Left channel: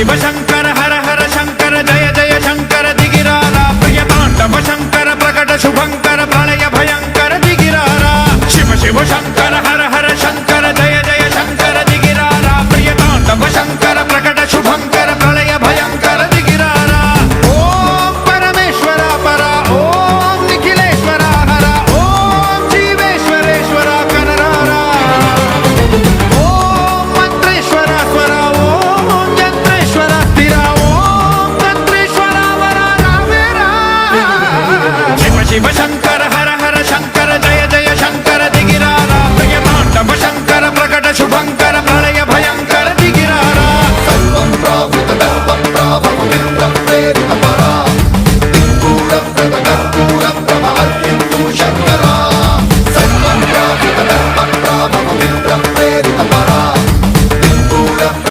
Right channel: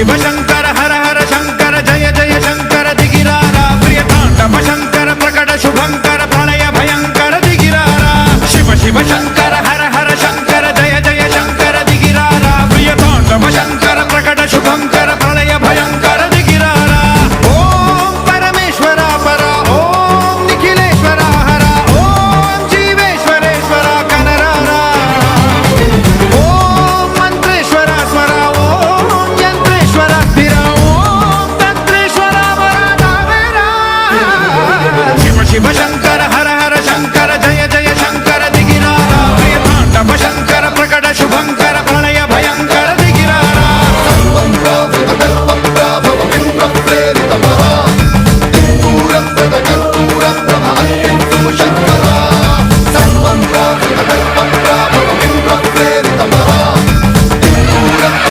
शिव शंकर हर हर शंकर जय जय शंकर दिगिरारा प्रिय तांडव शंकर प्रकट शुभंकर प्रलय भयंकर दिगिरारा शिव शिव शंकर